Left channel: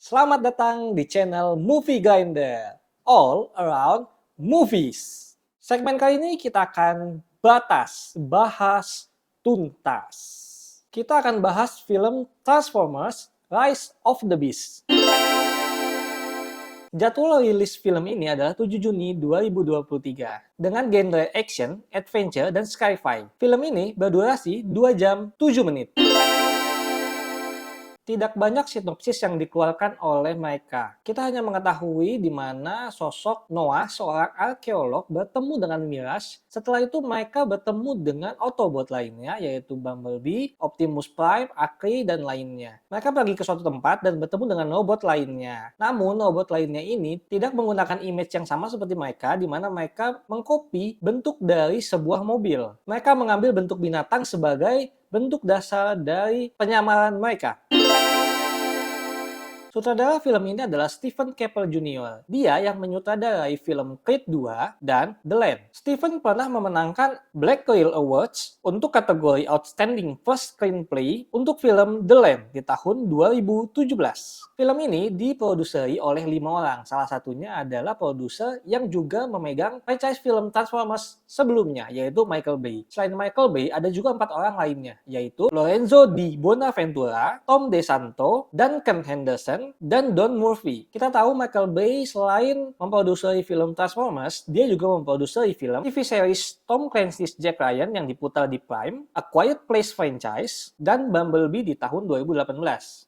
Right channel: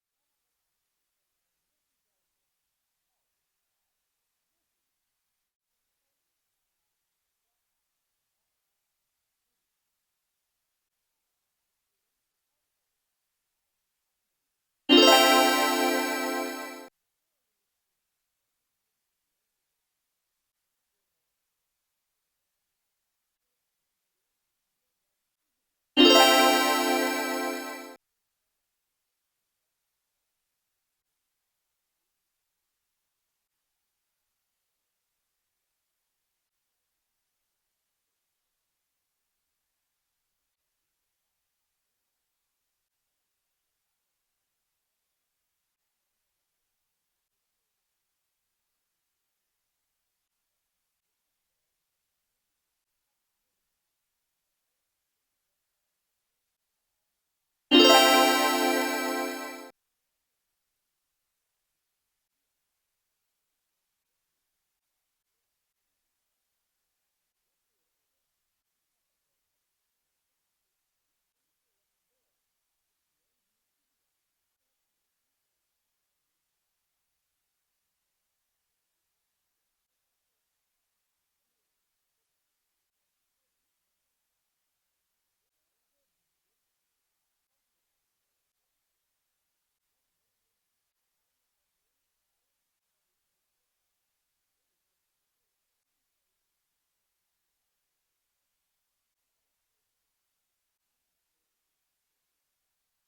Selamat datang di channel Movie Grinder, all around movies. Segmen kali ini kita akan bahas tuntas. Kita akan bahas film Transformers Rise of the Beast. Jadwal rilis film ini adalah 7 Juni 2023 dengan genre action, adventure, dan sci-fi. Film ini berdurasi 2 jam 7 menit. Tidak banyak sinopsis yang dikeluarkan oleh mereka. Kita hanya mengetahui di mana sosok Noah, seorang arkeolog, bertemu dengan Mirage. Setelah itu mereka bertemu dengan Autobot lainnya, yaitu Bumblebee, Optimus Prime, Akri, dan lainnya. Mereka pergi ke suatu tempat dan bertemu dengan robot lainnya. Namun, robot lainnya ini tidak menggunakan image yang sama seperti mereka, di mana mereka mengcopy bentuk dari sebuah mobil. Mereka mengambil bentuk binatang sebagai bentuk dasar dari penyamaran mereka. Sutradara film ini adalah Stephen Caple Jr. Dia yang menyutradarai film Creed 2 dan The Land. Stephen pernah memenangkan Black Quill Awards untuk kategori Outstanding First Screenplay untuk film The Land di tahun 2017. Film ini diproduseri oleh 5 orang, salah satunya adalah produser yang juga memegang franchise film Transformers sebelumnya, yaitu Michael Bay. Selain Michael Bay, ada juga 4 orang lainnya, yaitu Lorenzo Di Bonaventura, Tom DeSanto, Duncan Henderson, dan Don Murphy. Kita tahu Michael Bay selain memproduksi film Transformers, dia juga memproduksi film TV series Tom Clancy's Jack Ryan yang diputar di Prime, A Quiet Place franchise, dan Bumblebee di tahun 2018.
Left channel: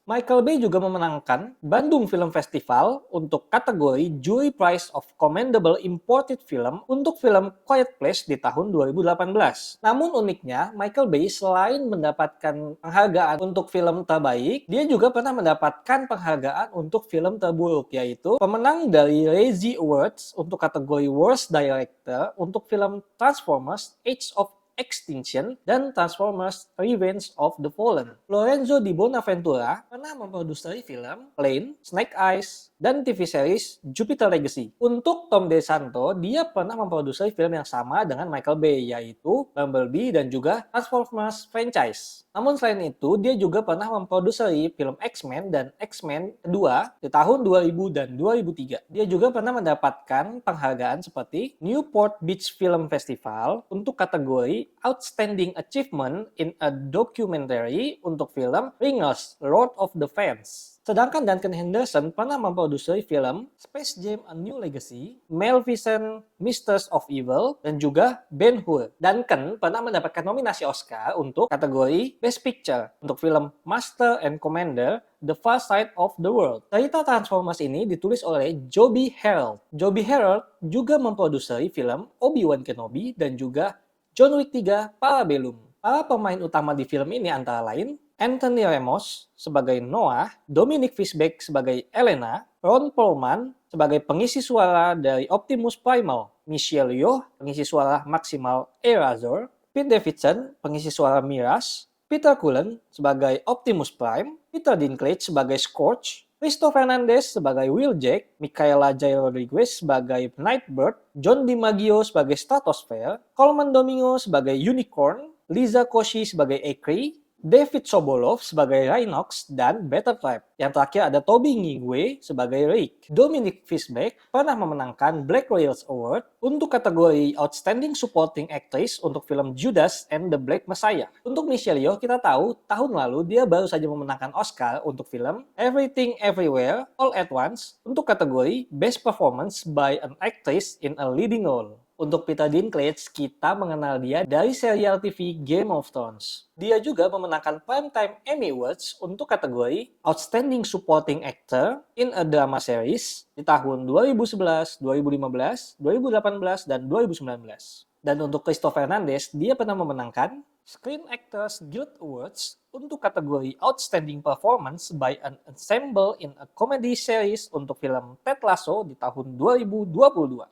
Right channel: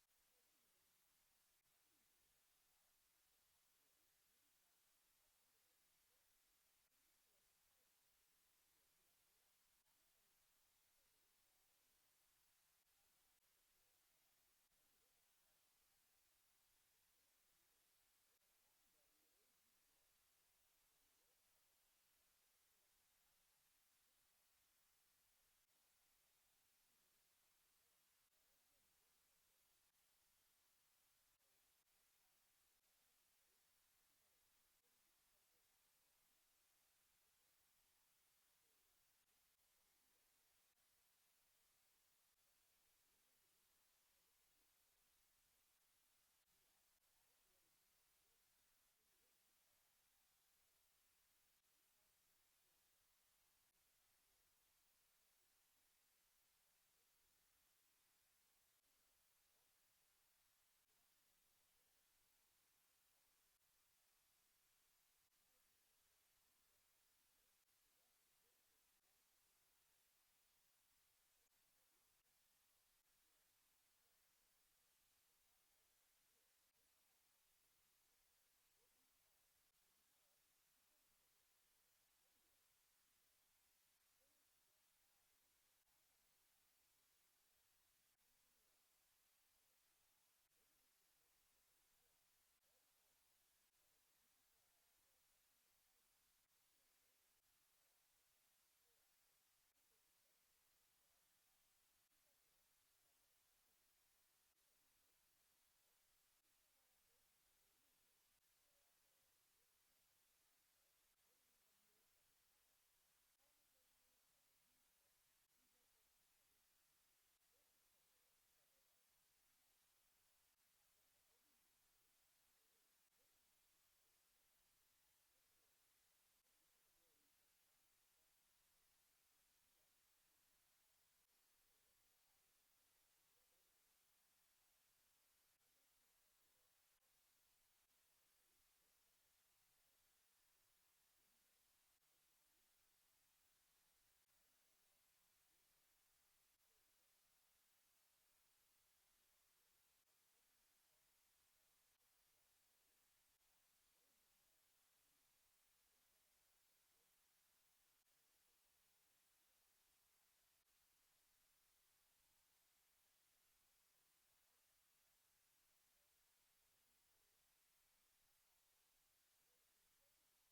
Michael Bay juga memenangkan Bandung Film Festival untuk kategori Jury Prize of Commendable Imported Film untuk film Quiet Place di tahun 2018. Namun uniknya, Michael Bay selain mendapatkan penghargaan untuk film terbaik, dia juga pernah mendapatkan penghargaan untuk film terburuk, yaitu pemenang dari Razzie Awards untuk kategori Worst Director untuk film Transformers Age of Extinction dan Transformers Revenge of the Fallen. Lorenzo Di Bonaventura pernah memproduksi film Plane, Snake Eyes, dan TV series Jupiter Legacy. Untuk Tom DeSanto, dia pernah memproduksi film yang sama dengan Michael Bay, yaitu Bumblebee dan juga Transformers franchise. Namun selain itu, dia juga pernah memproduksi film X-Men dan X-Men kedua di tahun 2000 dan 2003. Dia juga pernah mendapatkan penghargaan seperti Newport Beach Film Festival untuk kategori Outstanding Achievement in a Documentary untuk film Ringers, Lord of the Fans. Sedangkan Duncan Henderson pernah memproduksi film Space Jam: A New Legacy, Maleficent, Misters of Evil, dan juga Ben-Hur. Duncan pernah mendapatkan nominasi Oscar untuk kategori Best Picture untuk film Master and Commander, The Far Side of the World. Cerita Transformers ini ditulis oleh Joby Harold. Joby Harold juga memproduksi film Obi-Wan Kenobi dan juga John Wick 3 Parabellum. Para pemain utama di film ini antara lain Anthony Ramos sebagai Noah, Dominic Fishback sebagai Elena, Ron Perlman sebagai pengisi suara dari Optimus Primal, Michelle Yeoh pengisi suara Maximal Erasor, Pete Davidson pengisi suara Mirage, Peter Cullen sebagai Optimus Prime, Peter Dinklage sebagai Scorch, Christopher Fernandez sebagai Wheeljack, Michaela J. Rodriguez sebagai Nightbird, John DiMaggio sebagai Stratosphere, Coleman Domingo sebagai Unicorn, Liza Koshy sebagai Akri, David Sobolov sebagai Rhinox dan Butterfly. Yang terakhir ada Toby Nighy sebagai Rick. Dominic Fishback pernah memenangkan Black Royals Award untuk kategori Outstanding Supporting Actress untuk film Judas and the Black Messiah. Untuk Michelle Yeoh, kita tahu tahun lalu dia baru saja memenangkan Oscar untuk film Everything Everywhere All at Once untuk kategori Best Performance by an Actress in a Leading Role. Untuk Peter Dinklage, kita mengenal dia dari serial TV Game of Thrones. Dia juga memenangkan Primetime Emmy Awards untuk kategori Outstanding Supporting Actor in a Drama Series di tahun 2011, 2015, 2018, dan 2019. Dan untuk Christopher Fernandez, dia pernah memenangkan Screen Actors Guild Awards untuk kategori Outstanding Performance by an Ensemble in a Comedy Series untuk film Ted Lasso di tahun 2022.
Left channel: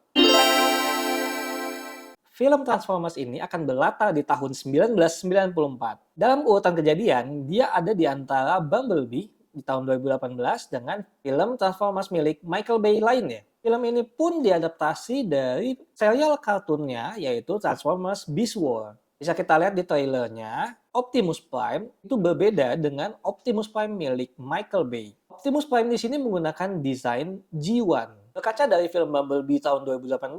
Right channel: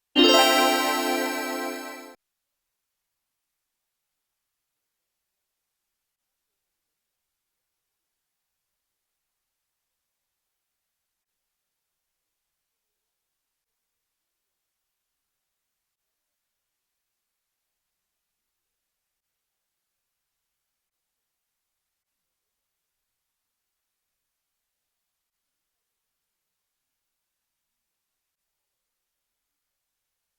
Film Transformers ini akan berlatar di tahun 1994. Dalam urutan kejadian, dia ada di antara Bumblebee di tahun 2018 dengan film Transformers milik Michael Bay lainnya. Film ini pun diadaptasi dari serial kartunnya, yaitu Transformers Beast War. Bisa kita lihat di trailernya, Optimus Prime itu berbeda dengan Optimus Prime milik Michael Bay. Optimus Prime di sini menggunakan desain G1. Berkaca dari film Bumblebee tahun 2018,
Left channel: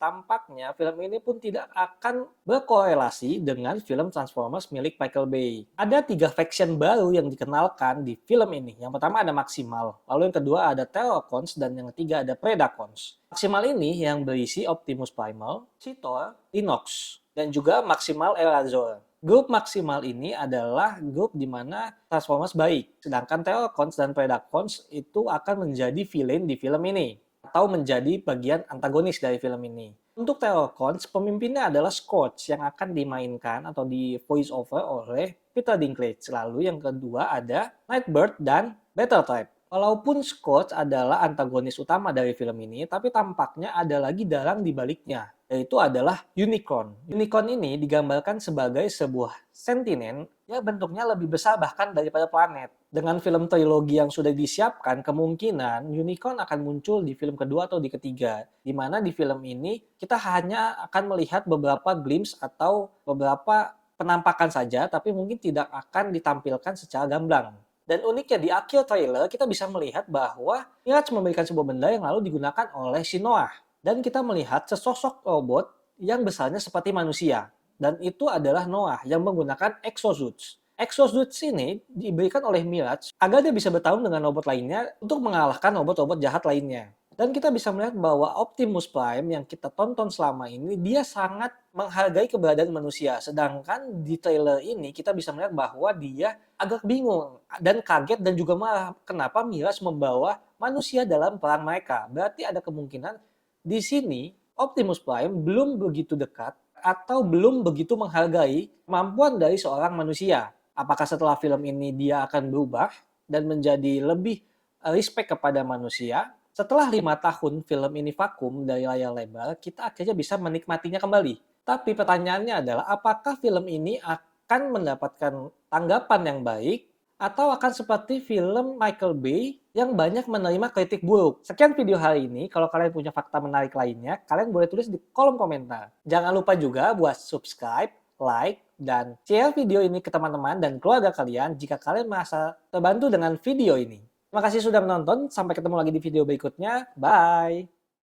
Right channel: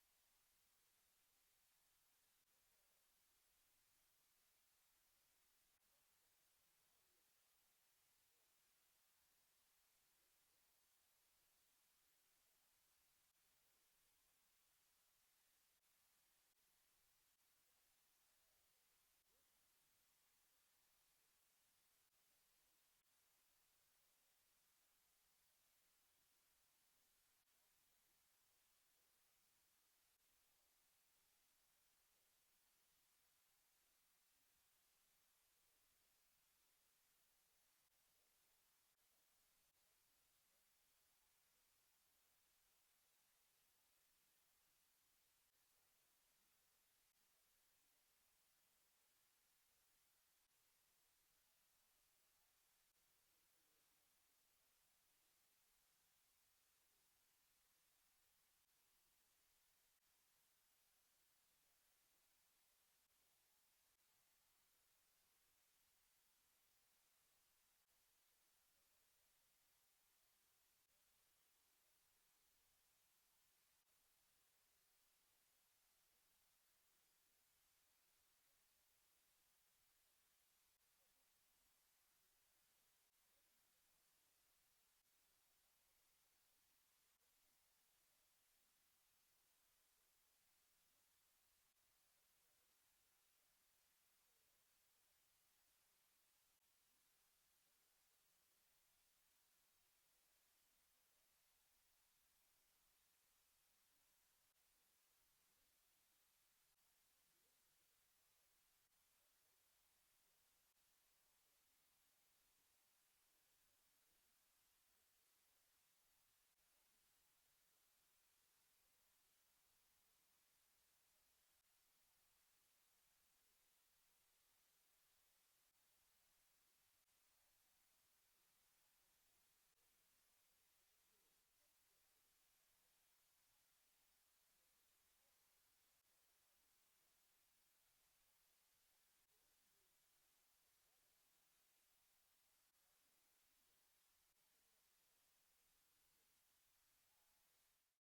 tampaknya film ini pun tidak akan berkorelasi dengan film Transformers milik Michael Bay. Ada 3 faction baru yang dikenalkan di film ini. Yang pertama ada Maximal, lalu yang kedua ada Terrorcons, dan yang ketiga ada Predacons. Maximal ini yang berisi Optimus Primal, Cheetor, Inox, dan juga Maximal Erazor. Grup Maximal ini adalah grup di mana Transformers baik, sedangkan Terrorcons dan Predacons itu akan menjadi villain di film ini, atau menjadi bagian antagonis dari film ini. Untuk Terrorcons, pemimpinnya adalah Scourge yang akan dimainkan atau di voice over oleh Peter Dinklage. Lalu yang kedua ada Nightbird dan Battletrap. Walaupun Scourge adalah antagonis utama dari film ini, tapi tampaknya ada lagi dalang di baliknya, yaitu adalah Unicorn. Unicorn ini digambarkan sebagai sebuah sentinen yang bentuknya lebih besar bahkan daripada planet. Dengan film trilogi yang sudah disiapkan, kemungkinan Unicorn akan muncul di film kedua atau di ketiga. Di mana di film ini kita hanya akan melihat beberapa glimpse atau beberapa penampakan saja, tapi mungkin tidak akan ditampilkan secara gamblang. Dan uniknya di akhir trailer kita bisa melihat bahwa Mirage memberikan sebuah benda yang lalu digunakan oleh si Noah. Dan kita melihat sesosok robot yang besarnya seperti manusia. Dan itu adalah Noah yang menggunakan exosuits. Exosuits ini diberikan oleh Mirage agar dia bisa bertarung dengan robot lainnya untuk mengalahkan robot-robot jahat lainnya. Dan kita bisa melihat bahwa Optimus Prime yang kita tonton selama ini, dia sangat menghargai keberadaan manusia. Sedangkan di trailer ini kita bisa melihat bahwa dia agak bingung dan kaget dan juga marah kenapa Mirage membawa manusia dalam perang mereka. Berarti ada kemungkinan di sini Optimus Prime belum begitu dekat atau belum begitu menghargai kemampuan dari seorang manusia. Apakah setelah film ini dia akan berubah dan menjadi lebih respect kepada manusia? Setelah 5 tahun film ini vakum dari layar lebar, kita akhirnya bisa menikmatinya kembali. Tapi pertanyaannya adalah apakah film ini akan mendapatkan tanggapan yang baik atau akan seperti film Michael Bay yang banyak menerima kritik buruk. Sekian video hari ini. Kalau kalian punya fakta menarik lainnya, kalian boleh tulis di kolom komentar. Jangan lupa juga buat subscribe, like, dan share video ini ke teman-teman dan keluarga kalian jika kalian merasa terbantu dengan video ini. Terima kasih sudah menonton. Sampai ketemu lagi di video berikutnya. Bye!